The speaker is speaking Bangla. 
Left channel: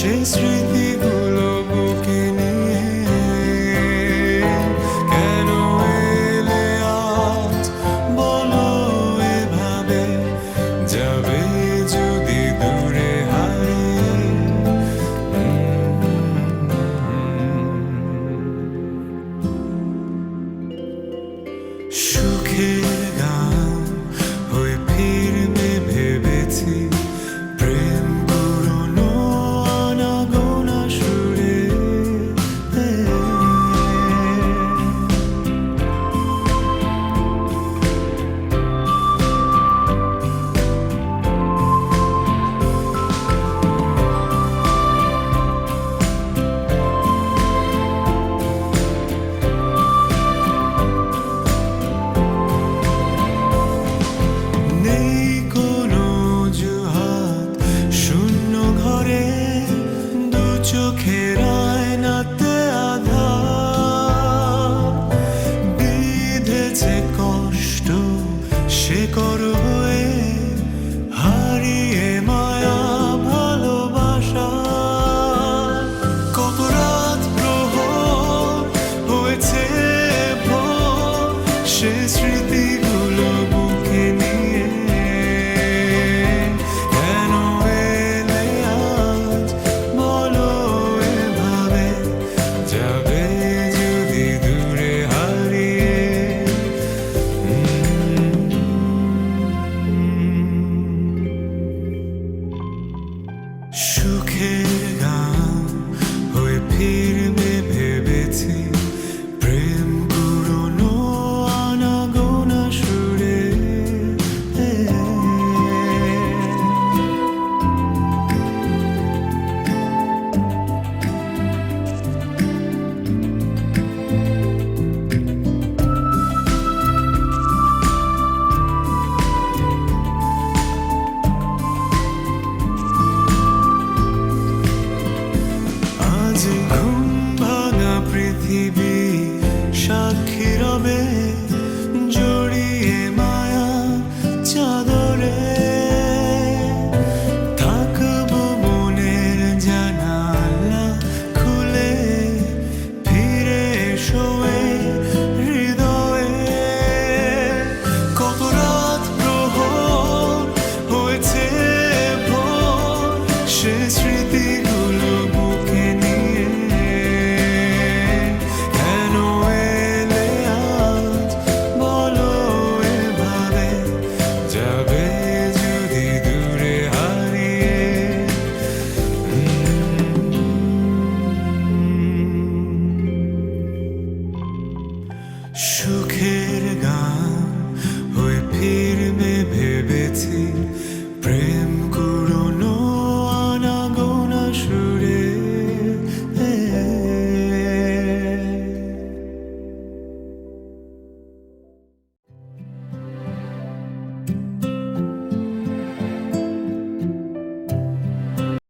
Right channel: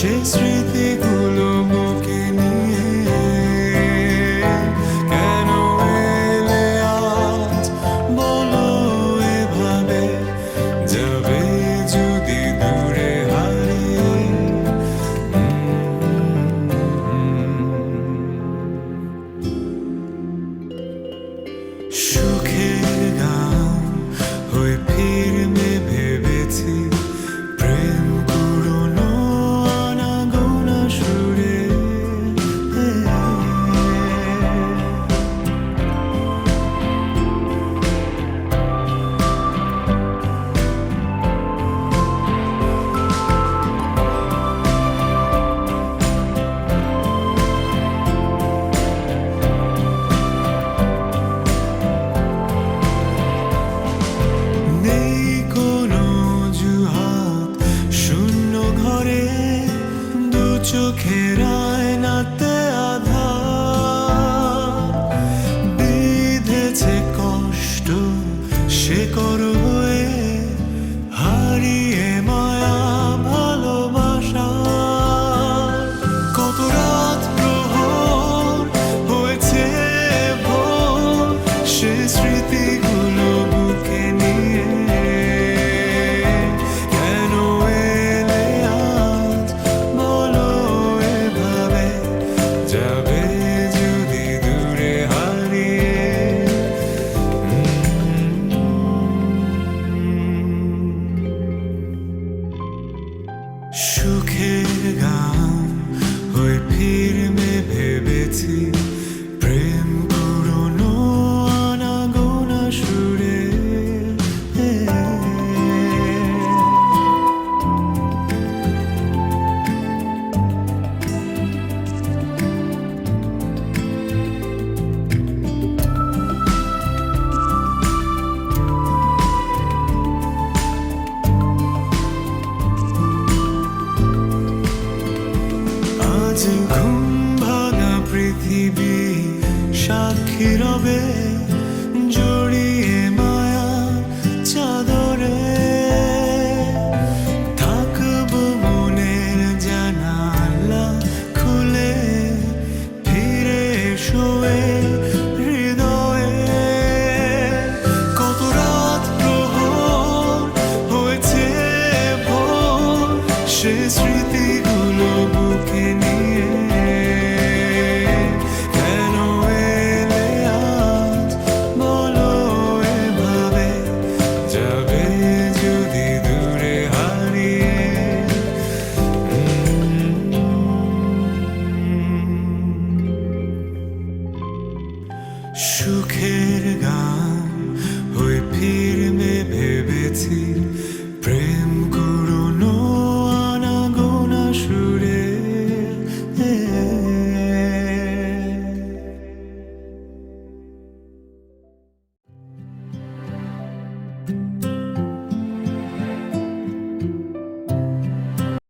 সে স্মৃতিগুলো বুকে নিয়ে কেন এলে আজ বলো এভাবে যাবে যদি দূরে হারিয়ে সুখের গান হয়ে ফিরবে ভেবেছি প্রেম করোনো আনাগোনা সুরে নেই কোনো অজুহাত শূন্য ঘরে দু চোখের আয়নাতে আধার বিঁধেছে কষ্ট শেকড় হয়ে হারিয়ে মায়া ভালোবাসা কত রাত প্রহর হয়েছে ভোর সে স্মৃতিগুলো বুকে নিয়ে কেন এলে আজ বলো এভাবে যাবে যদি দূরে হারিয়ে সুখের গান হয়ে ফিরবে ভেবেছি প্রেম করোনো আনাগোনা সুরে আজ ঘুম ভাঙা পৃথিবী সাক্ষী রবে জড়িয়ে মায়ার চাদরে থাকবো মনের জানালা খুলে ফিরে এসো এ হৃদয়ে কত রাত প্রহর হয়েছে ভোর সে স্মৃতি